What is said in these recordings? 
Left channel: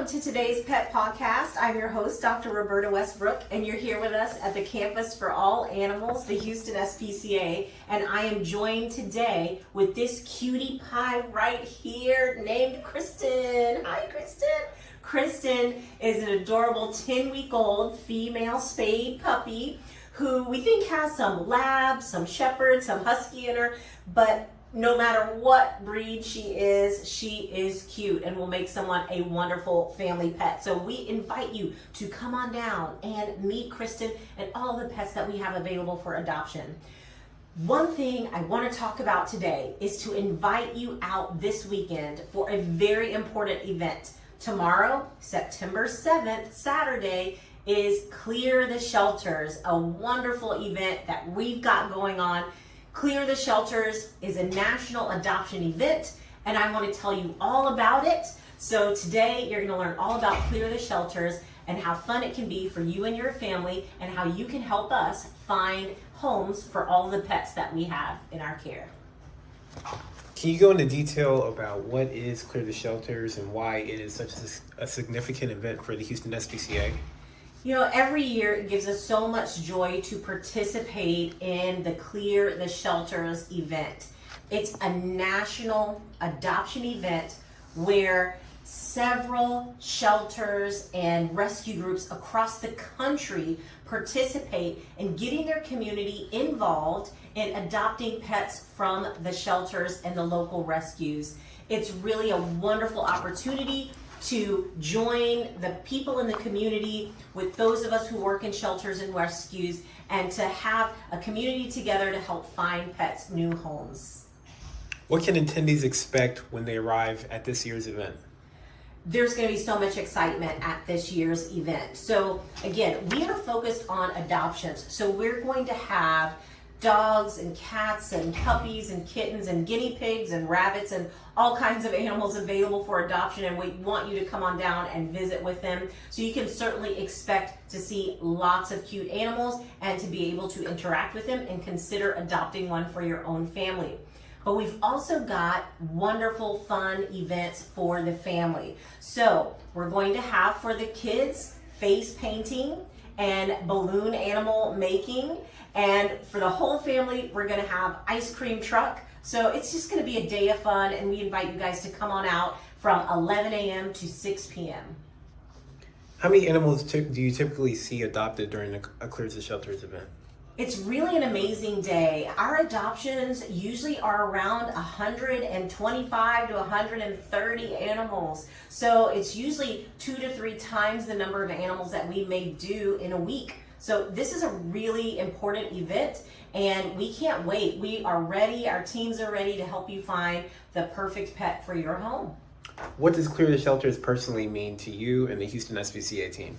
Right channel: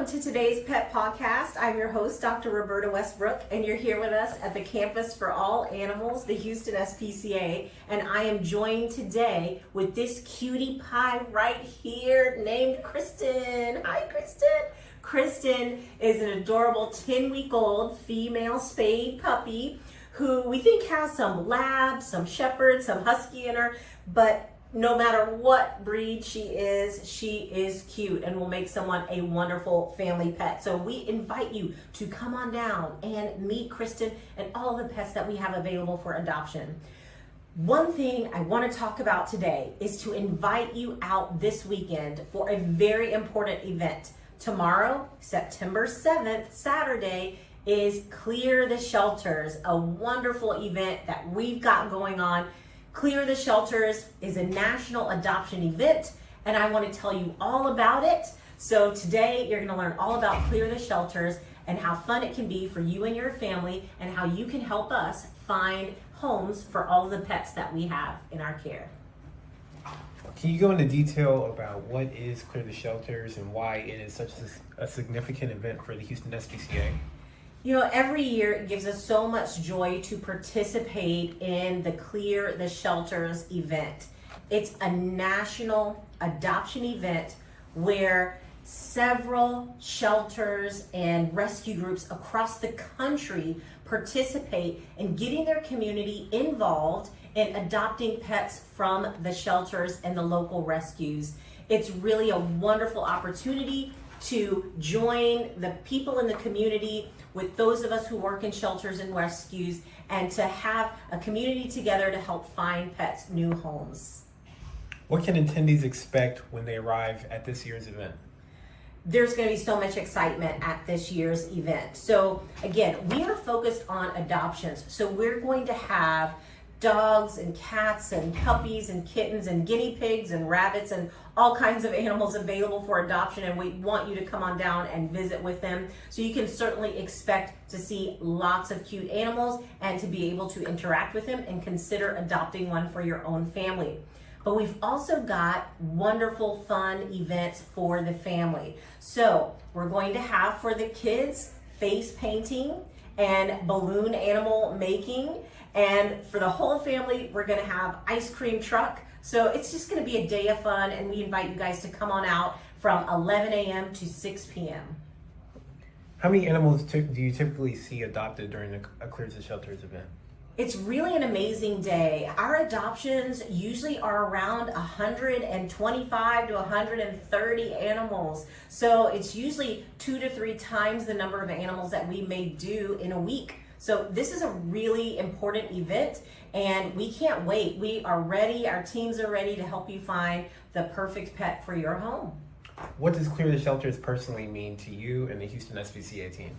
welcome to today's Pet Podcast. I'm your host, Dr. Roberta Westbrook, and you're here with us at the Campus for All Animals, the Houston SPCA, and I am joined today with this cutie pie right here named Kristen. Hi, Kristen. Kristen is an adorable 10-week-old female spayed puppy who we think has some lab, some shepherd, some husky in her, but no matter what breed she is cute and will make someone a wonderful family pet. So we invite you to come on down and meet Kristen and all of the pets that we have available for adoption. One thing I want to talk about today is to invite you out this weekend for a very important event. Tomorrow, September 7th, Saturday, is Clear the Shelters, a wonderful event that we've got going on. Clear the Shelters is a national adoption event, and I want to tell you all about it. So today you're going to learn all about Clear the Shelters and how fun it can be for you and your family and how you can help us find homes for all of the pets that we have in our care. Can you go into detail about what is Clear the Shelters and why it is such a significant event for the Houston SPCA? You know, every year it gives us so much joy to participate in the Clear the Shelters event. It's a national adoption event where several shelters and rescue groups across the country participate in getting their community involved in adopting pets from the shelters and the local rescues. It's really a wonderful opportunity to join the people in the community with those of us who work in shelters and rescues and to have a community together to help find pets new homes. What can attendees expect when they arrive at this year's event? There's going to be so much excitement at this year's event. So again, we are focused on adoptions. So we're going to have dogs and cats and puppies and kittens and guinea pigs and rabbits and all kinds of animals available for adoption, and we want you to come on down and visit with them. So you can certainly expect to see lots of cute animals and to be able to interact with them and consider adopting one for your own family. But we've also got wonderful fun events for the family. So we're going to have for the kids face painting and balloon animal making. And for the whole family, we're gonna have ice cream truck. So it's just gonna be a day of fun, and we invite you guys to come on out from 11 a.m. to 6 p.m. How many animals do you typically see adopted during a Clear the Shelters event? It's really an amazing day. Our adoptions usually are around 125 to 130 animals. So it's usually 2 to 3 times the number of animals that we may do in a week. So this is a really important event, and we can't wait. We are ready, our teams are ready to help you find the perfect pet for your home. What does Clear the Shelters personally mean to you and the Houston SPCA team?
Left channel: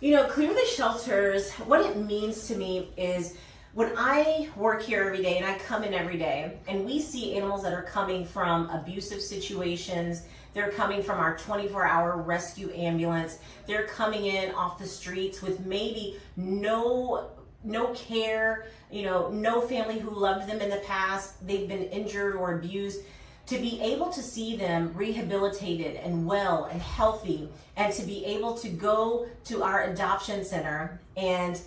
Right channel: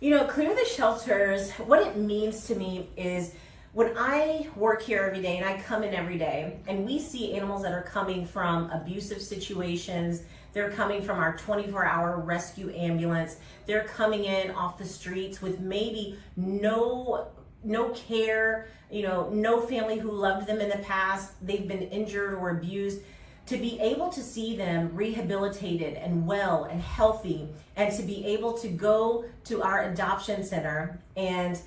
You know, Clear the Shelters, what it means to me is when I work here every day and I come in every day and we see animals that are coming from abusive situations, they're coming from our 24-hour rescue ambulance, they're coming in off the streets with maybe no care, you know, no family who loved them in the past, they've been injured or abused. To be able to see them rehabilitated and well and healthy, and to be able to go to our adoption center and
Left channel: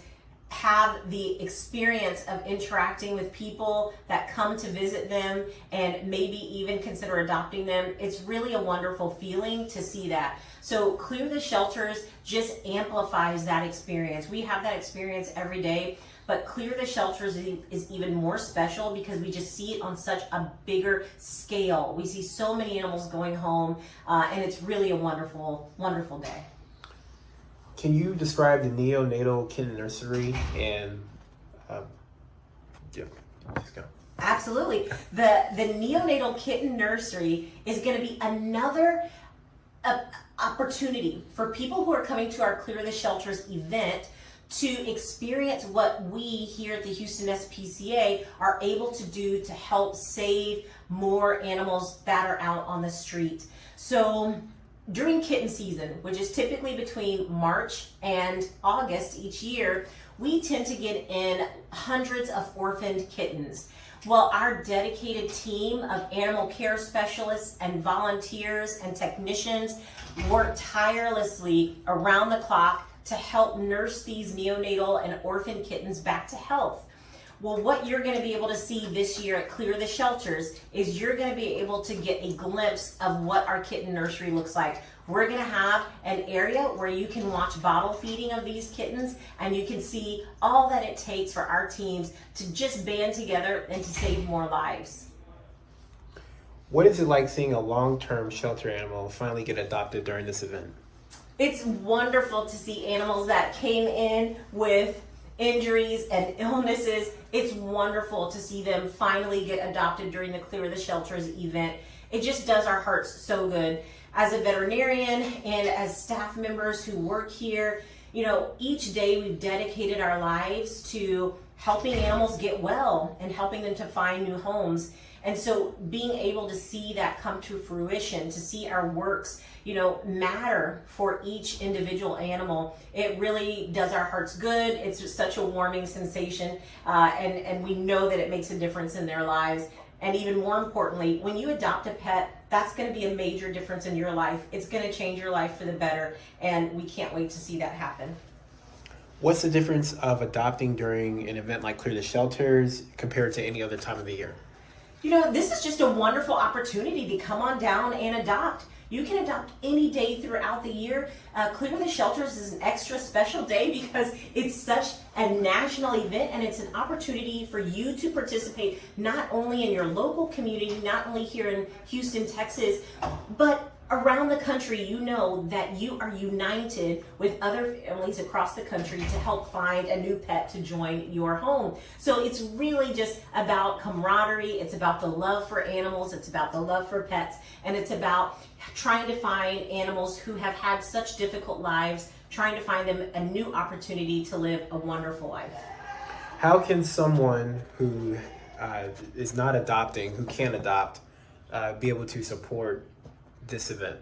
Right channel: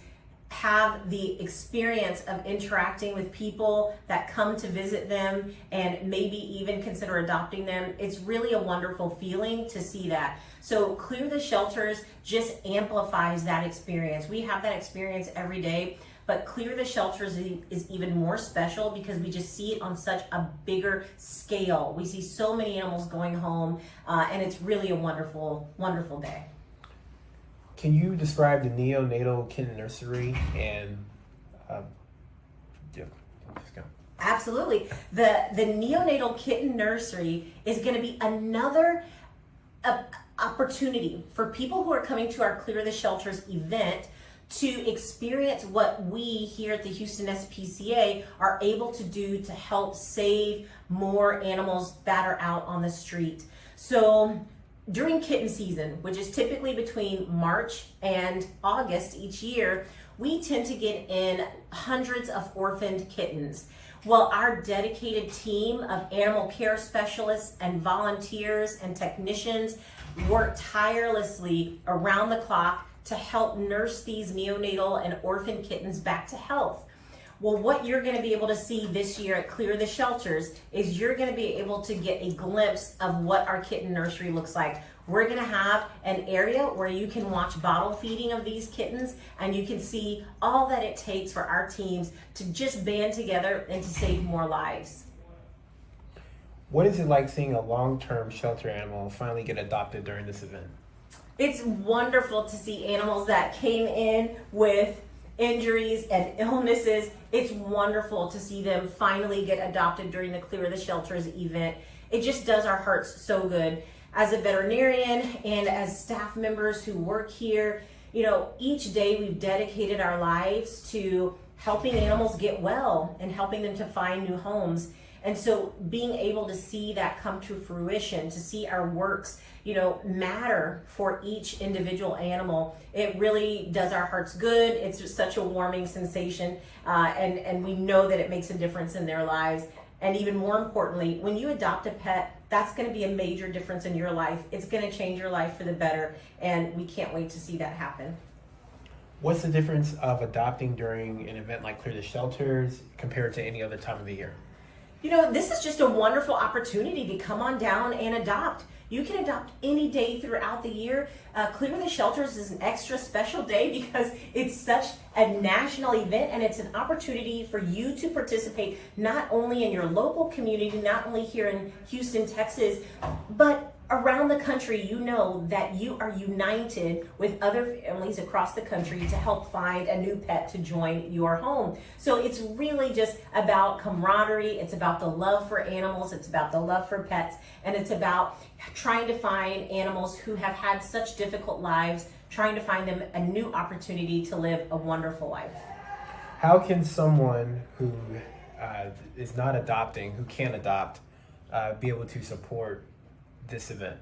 have the experience of interacting with people that come to visit them and maybe even consider adopting them, it's really a wonderful feeling to see that. So Clear the Shelters just amplifies that experience. We have that experience every day, but Clear the Shelters is even more special because we just see it on such a bigger scale. We see so many animals going home, and it's really a wonderful, wonderful day. Can you describe the neonatal kitten nursery and just go. Absolutely. The neonatal kitten nursery is going to be another opportunity for people who are coming to our Clear the Shelters event to experience what we here at the Houston SPCA are able to do to help save more animals that are out on the street. So during kitten season, which is typically between March and August each year, we tend to get in hundreds of orphaned kittens. Well, our dedicated team of animal care specialists and volunteers and technicians work tirelessly around the clock to help nurse these neonatal and orphan kittens back to health. Well, what you're going to be able to see this year at Clear the Shelters is you're going to be able to get a glimpse of what our kitten nursery looks like. We're going to have an area where you can watch bottle feeding of these kittens, and you can see all that it takes for our teams to just band together and to save more lives. What is it like seeing a long-term shelter animal finally get adopted during this event? It's wonderful to see animals that came in with injuries and illnesses. It's wonderful to see them finally get adopted during the Clear the Shelters event. It just does our hearts so good. As a veterinarian and as staff members who work here, each day we've dedicated our lives to helping animals get well and helping them to find new homes. And so being able to see that come to fruition, to see our works, matter for each individual animal, it really does our hearts good. It's just such a warming sensation, and we know that it makes a difference in their lives. And even more importantly, when you adopt a pet, that's going to be a major difference in your life. It's going to change your life for the better, and we can't wait to see that happen. What's the difference of adopting during an event like Clear the Shelters compared to any other time of the year? This is just a wonderful opportunity to come on down and adopt. You can adopt any day throughout the year. Clear the Shelters is an extra special day because it's such a national event, and it's an opportunity for you to participate not only in your local community, not only here in Houston, Texas, but around the country. You know that you are united with other families across the country to help find a new pet to join your home. So it's really just about camaraderie. It's about the love for animals. It's about the love for pets. And it's about trying to find animals who have had such difficult lives, trying to find them a new opportunity to live a wonderful life. How can someone who is not adopting, who can't adopt, be able to support this event?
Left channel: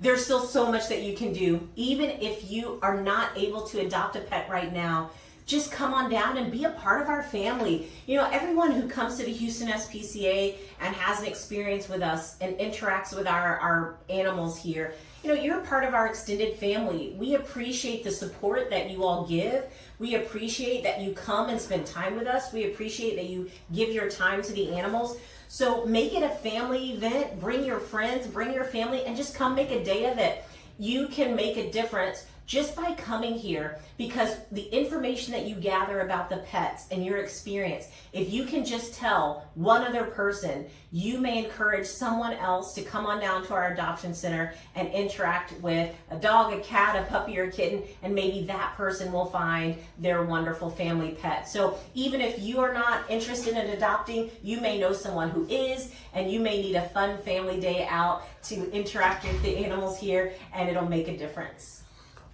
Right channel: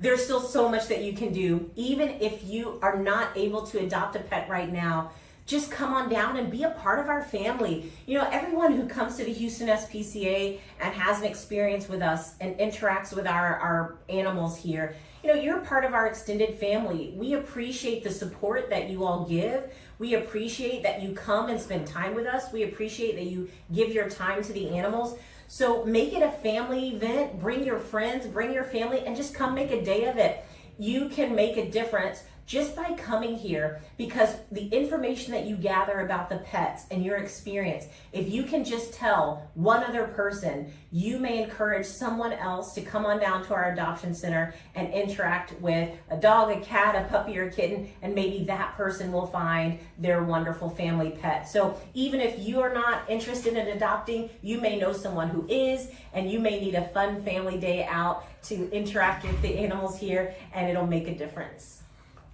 There's still so much that you can do. Even if you are not able to adopt a pet right now, just come on down and be a part of our family. Everyone who comes to the Houston SPCA and has an experience with us and interacts with our animals here, you're part of our extended family. We appreciate the support that you all give. We appreciate that you come and spend time with us. We appreciate that you give your time to the animals. So make it a family event. Bring your friends, bring your family, and just come make a day of it. You can make a difference just by coming here, because the information that you gather about the pets and your experience, if you can just tell one other person, you may encourage someone else to come on down to our adoption center and interact with a dog, a cat, a puppy, or a kitten, and maybe that person will find their wonderful family pet. So even if you are not interested in adopting, you may know someone who is, and you may need a fun family day out to interact with the animals here, and it'll make a difference.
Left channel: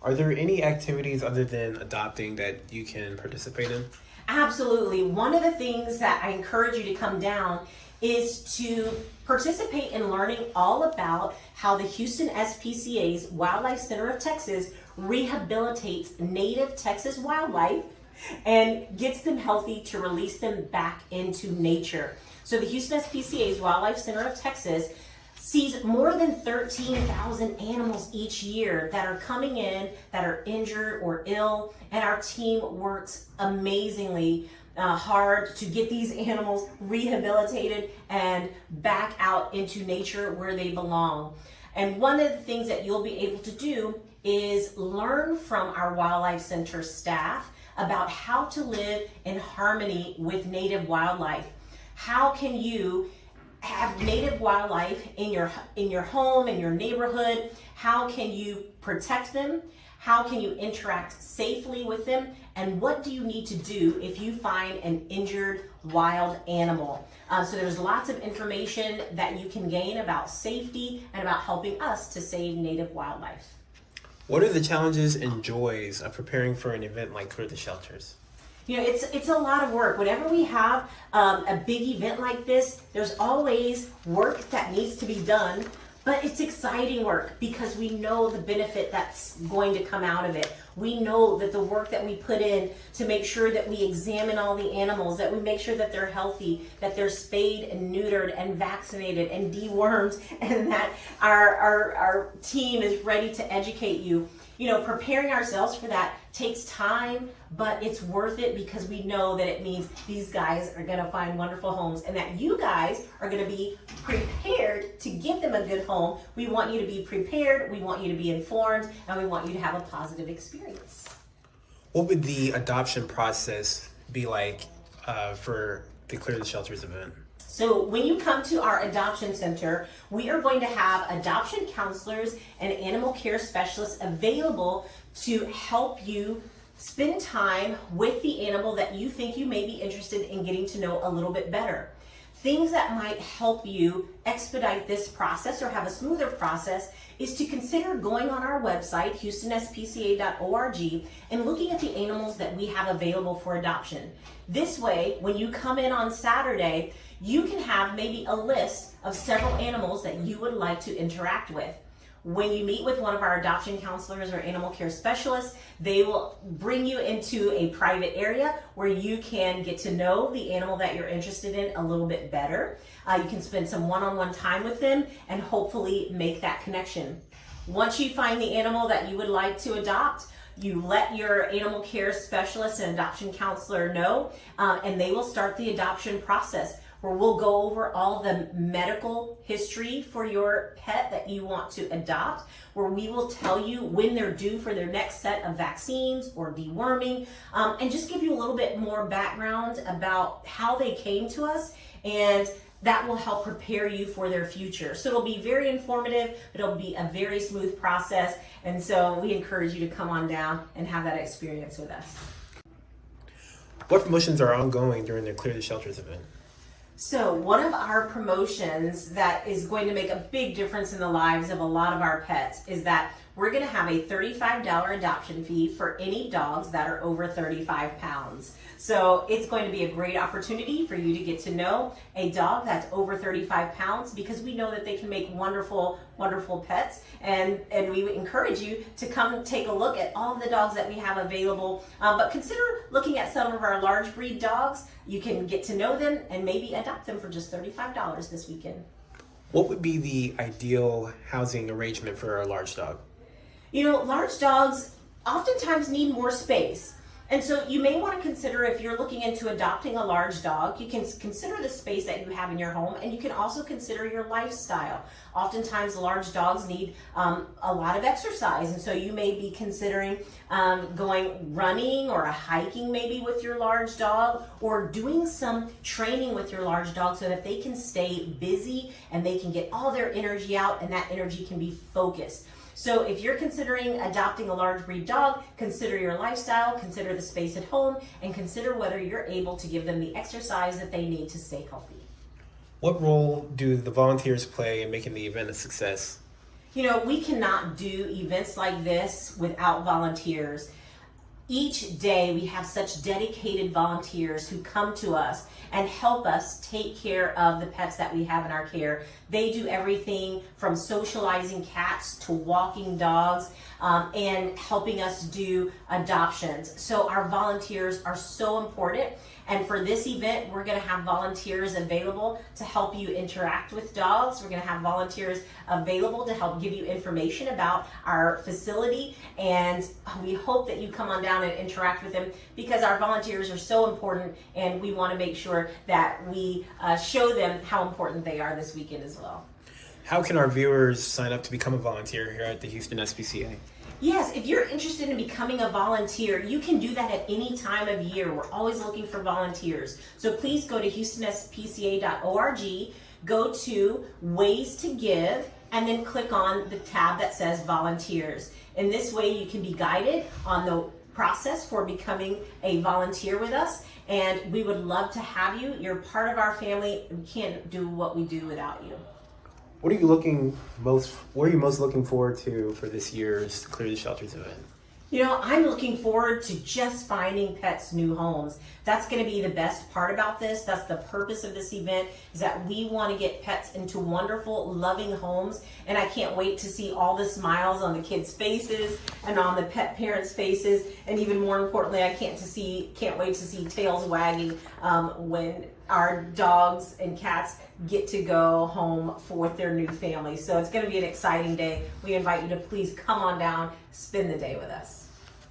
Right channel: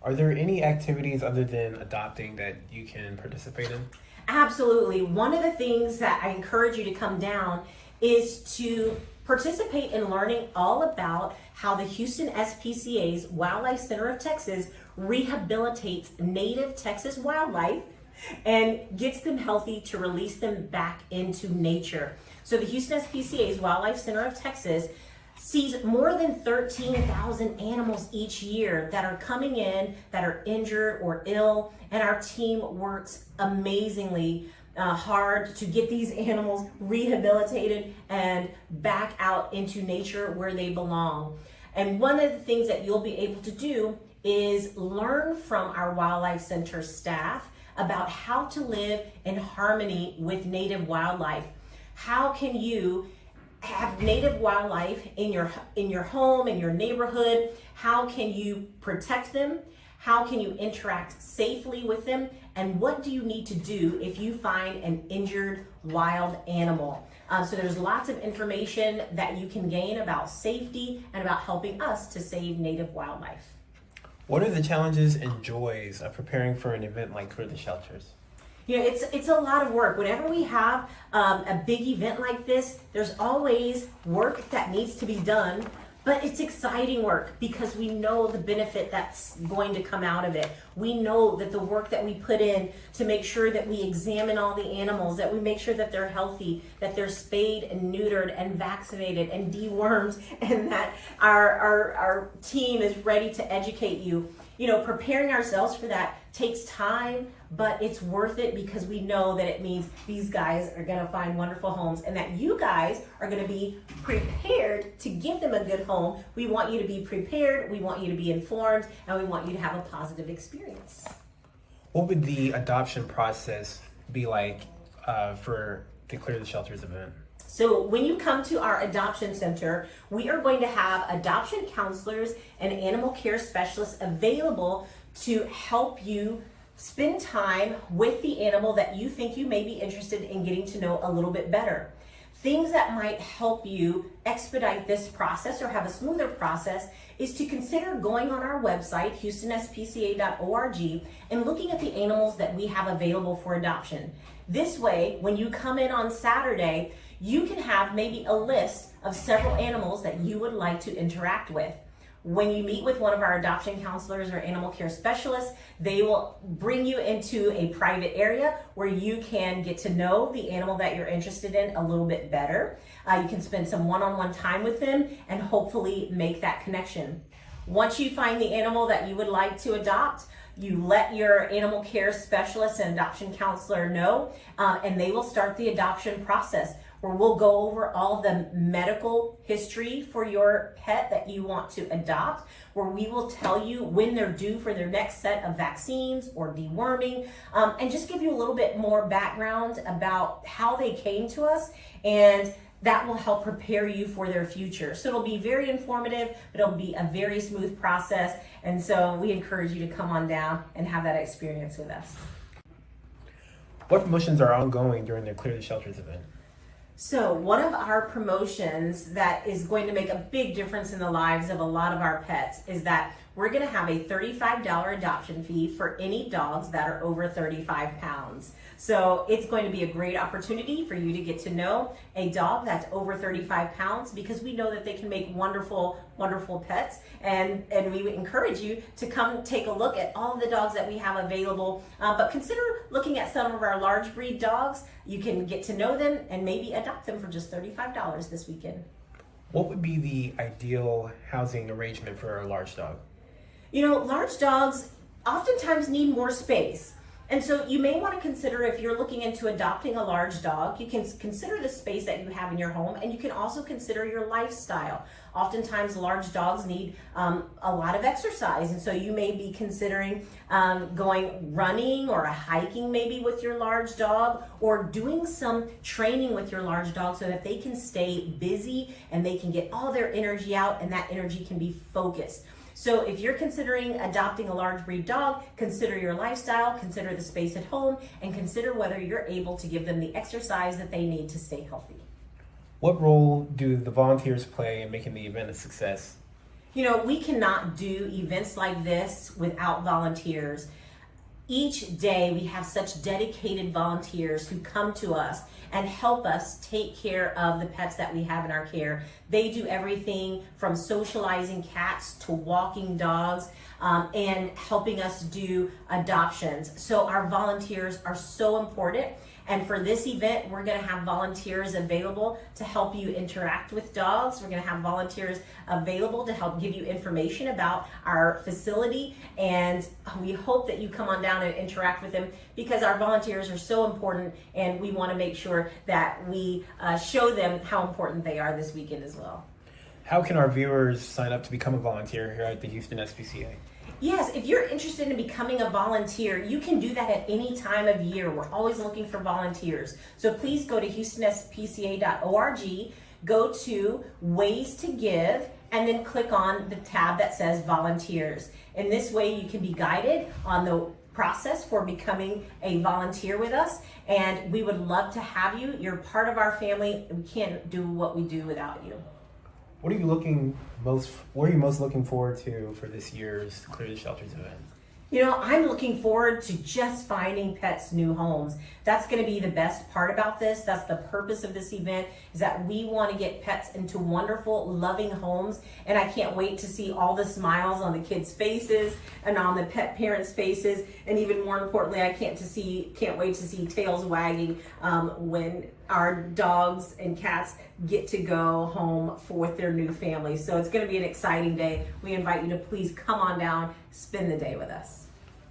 Are there any activities other than adopting that you can participate in? Absolutely. One of the things that I encourage you to come down is to participate in learning all about how the Houston SPCA's Wildlife Center of Texas rehabilitates native Texas wildlife and gets them healthy to release them back into nature. So the Houston SPCA's Wildlife Center of Texas sees more than 13,000 animals each year that are coming in that are injured or ill, and our team works amazingly hard to get these animals rehabilitated and back out into nature where they belong. And one of the things that you'll be able to do is learn from our Wildlife Center staff about how to live in harmony with native wildlife. How can you have native wildlife in your home, in your neighborhood? How can you protect them? How can you interact safely with them? And what do you need to do if you find an injured wild animal? So there's lots of information that you can gain about safety and about helping us to save native wildlife. What are the challenges and joys of preparing for an event like Clear the Shelters? It's a lot of work. Whenever we have a big event like this, there's always work that needs to be done. But it's exciting work because we know the benefit that's going to come out of it. We know that the work that we put in to make sure that we examine all the animals, that we make sure that they're healthy, that they're spayed and neutered and vaccinated and dewormed, and that our team is ready to educate you. You know, preparing ourselves for that takes time, but it's worth it because we know that it means these guys are going to find wonderful homes and that you guys are going to be prepared to give them a good home. We want you to be prepared, we want you to be informed, and we want you to have a positive experience. What would the adoption process be like for the Clear the Shelters event? So when you come to our adoption center, we are going to have adoption counselors and animal care specialists available to help you spend time with the animal that you think you may be interested in getting to know a little bit better. Things that might help you expedite this process or have a smoother process is to consider going on our website, HoustonSPCA.org, and looking at the animals that we have available for adoption. This way, when you come in on Saturday, you can have maybe a list of several animals that you would like to interact with. When you meet with one of our adoption counselors or animal care specialists, they will bring you into a private area where you can get to know the animal that you're interested in a little bit better. You can spend some one-on-one time with them and hopefully make that connection. Once you find the animal that you would like to adopt, you let your animal care specialist and adoption counselor know, and they will start the adoption process, where we'll go over all the medical history for your pet that you want to adopt, where we will tell you when they're due for their next set of vaccines or deworming, and just give you a little bit more background about how they came to us, and that will help prepare you for their future. So it'll be very informative, but it'll be a very smooth process, and so we encourage you to come on down and have that experience with us. What promotions are ongoing during the Clear the Shelters event? So one of our promotions that is going to make a big difference in the lives of a lot of our pets is that we're going to have a $35 adoption fee for any dogs that are over 35 pounds. So it's going to be a great opportunity for you to get to know a dog that's over 35 pounds, because we know that they can make wonderful, wonderful pets. And we would encourage you to come take a look at all of the dogs that we have available. But consider looking at some of our large breed dogs. You can get to know them and maybe adopt them for just $35 this weekend. What would be the ideal housing arrangement for a large dog? You know, large dogs oftentimes need more space. And so you may want to consider, if you're looking into adopting a large dog, you can consider the space that you have in your home, and you can also consider your lifestyle. Oftentimes large dogs need a lot of exercise, and so you may be considering going running or hiking maybe with your large dog, or doing some training with your large dog so that they can stay busy and they can get all their energy out, and that energy can be focused. So if you're considering adopting a large breed dog, consider your lifestyle, consider the space at home, and consider whether you're able to give them the exercise that they need to stay healthy. What role do the volunteers play in making the event a success? You know, we cannot do events like this without volunteers. Each day we have such dedicated volunteers who come to us and help us take care of the pets that we have in our care. They do everything from socializing cats to walking dogs, and helping us do adoptions. So our volunteers are so important. And for this event, we're going to have volunteers available to help you interact with dogs. We're going to have volunteers available to help give you information about our facility. And we hope that you come on down and interact with them, because our volunteers are so important, and we want to make sure that we show them how important they are this weekend as well. How can our viewers sign up to become a volunteer here at the Houston SPCA? Yes, if you're interested in becoming a volunteer, you can do that at any time of year. We're always looking for volunteers. So please go to HoustonSPCA.org, go to Ways to Give, and then click on the tab that says Volunteers. In this way, you can be guided on the process for becoming a volunteer with us, and we would love to have you. You're part of our family, and we can't do what we do without you. What are you most looking forward to for this year's Clear the Shelters event? I'm looking forward to just finding pets new homes. That's going to be the best part about this. That's the purpose of this event, is that we want to get pets into wonderful, loving homes. And I can't wait to see all the smiles on the kids' faces and on the pet parents' faces. And even more importantly, I can't wait to see tails wagging when our dogs and cats get to go home with their new families. So it's going to be an exciting day. We invite you to please come on down, spend the day with us.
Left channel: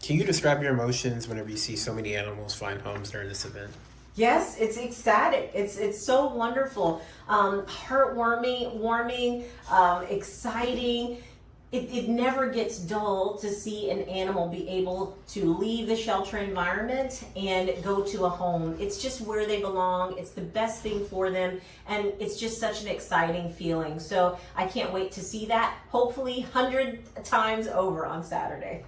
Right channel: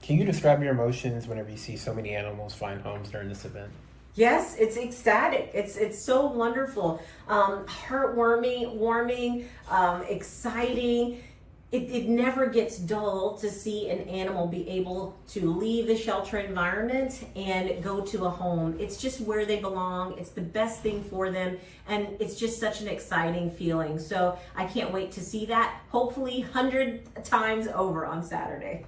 Can you describe your emotions whenever you see so many animals find homes during this event? Yes, it's ecstatic. It's so wonderful, warming, exciting. It never gets dull to see an animal be able to leave the shelter environment and go to a home. It's just where they belong. It's the best thing for them, and it's just such an exciting feeling. So I can't wait to see that, hopefully 100 times over on Saturday.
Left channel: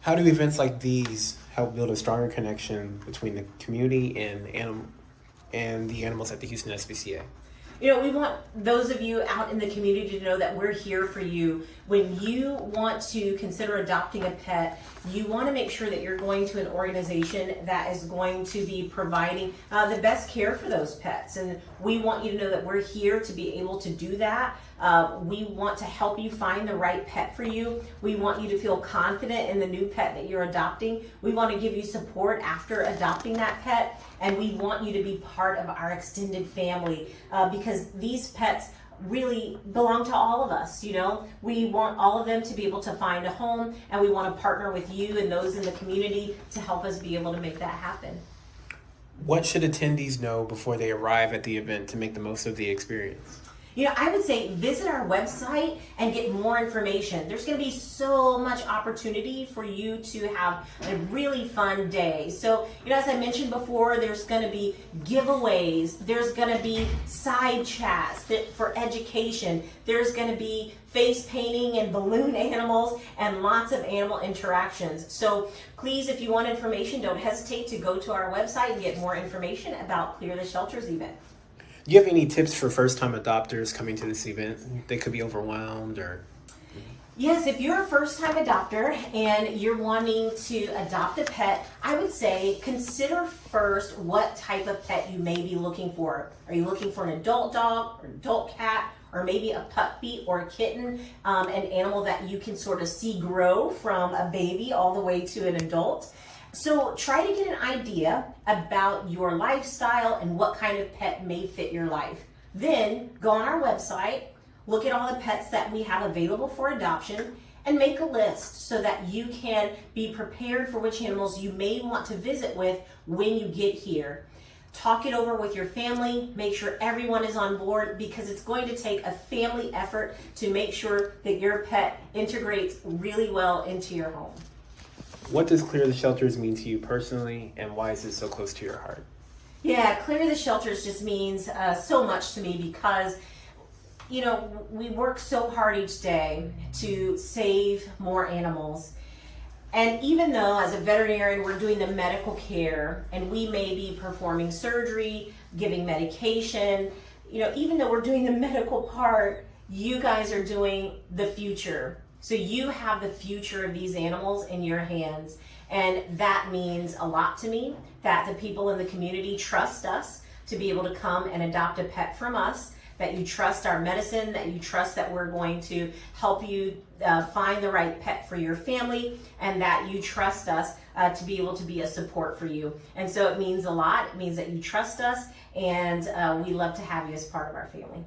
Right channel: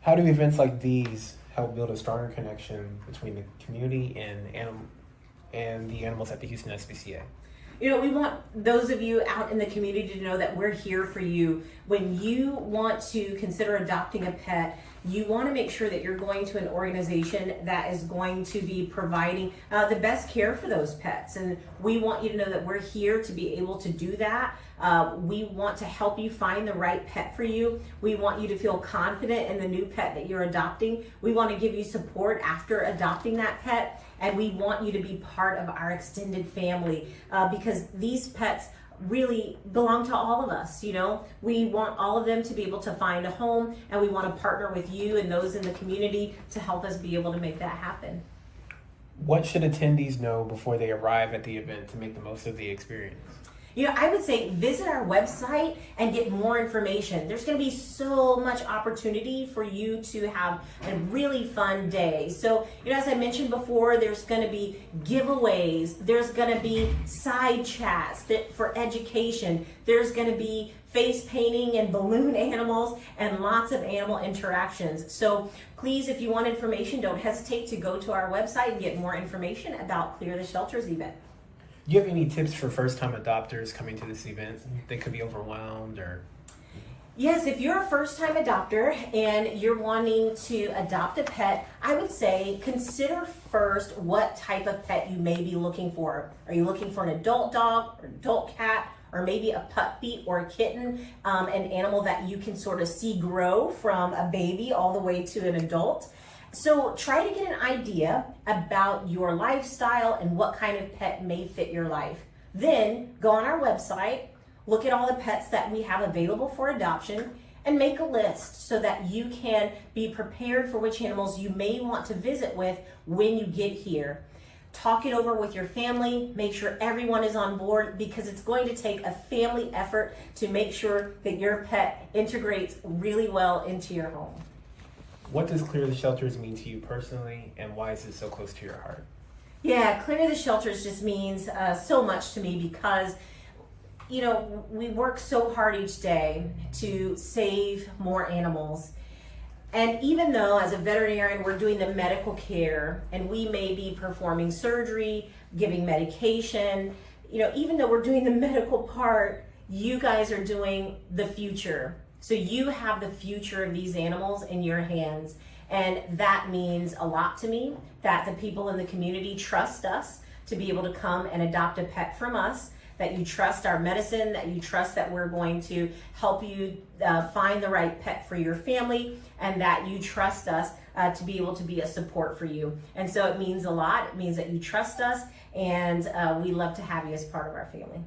How do events like these help build a stronger connection between the community and the animals at the Houston SPCA? We want those of you out in the community to know that we're here for you. When you want to consider adopting a pet, you want to make sure that you're going to an organization that is going to be providing the best care for those pets. And we want you to know that we're here to be able to do that. We want to help you find the right pet for you. We want you to feel confident in the new pet that you're adopting. We want to give you support after adopting that pet. And we want you to be part of our extended family because these pets really belong to all of us. We want all of them to be able to find a home, and we want to partner with you and those in the community to help us be able to make that happen. What should attendees know before they arrive at the event to make the most of the experience? I would say visit our website and get more information. There's going to be so much opportunity for you to have a really fun day. So, as I mentioned before, there's going to be giveaways. There's going to be side chats for education. There's going to be face painting and balloon animals and lots of animal interactions. So please, if you want information, don't hesitate to go to our website and get more information about Clear the Shelters event. Do you have any tips for first-time adopters coming to this event? They could be overwhelmed or... Yes, if you're a first-time adopter and you're wanting to adopt a pet, I would say consider first what type of pet you may be looking for. Are you looking for an adult dog or adult cat, or maybe a puppy or a kitten, an animal that you can sort of see grow from a baby all the way to an adult? So try to get an idea about your lifestyle and what kind of pet may fit your life. Then go on our website, look at all the pets that we have available for adoption, and make a list so that you can be prepared for which animals you may want to visit with when you get here. Talk it over with your family, make sure everyone is on board, because it's going to take a family effort to make sure that your pet integrates really well into your home. What does Clear the Shelters mean to you personally, and why is it so close to your heart? Yeah, Clear the Shelters just means so much to me because, we work so hard each day to save more animals. And even though as a veterinarian we're doing the medical care and we may be performing surgery, giving medication, even though we're doing the medical part, you guys are doing the future. So you have the future of these animals in your hands. And that means a lot to me, that the people in the community trust us to be able to come and adopt a pet from us, that you trust our medicine, that you trust that we're going to help you find the right pet for your family, and that you trust us to be able to be a support for you. And so it means a lot. It means that you trust us, and we love to have you as part of our family.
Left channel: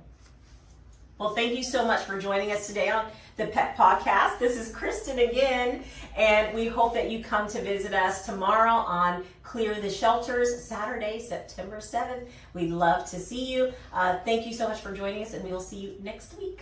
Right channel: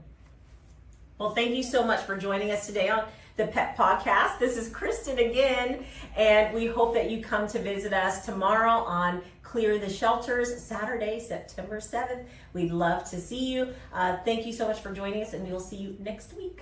Well, thank you so much for joining us today on the Pet Podcast. This is Kristen again, and we hope that you come to visit us tomorrow on Clear the Shelters, Saturday, September 7th. We'd love to see you. Thank you so much for joining us, and we will see you next week.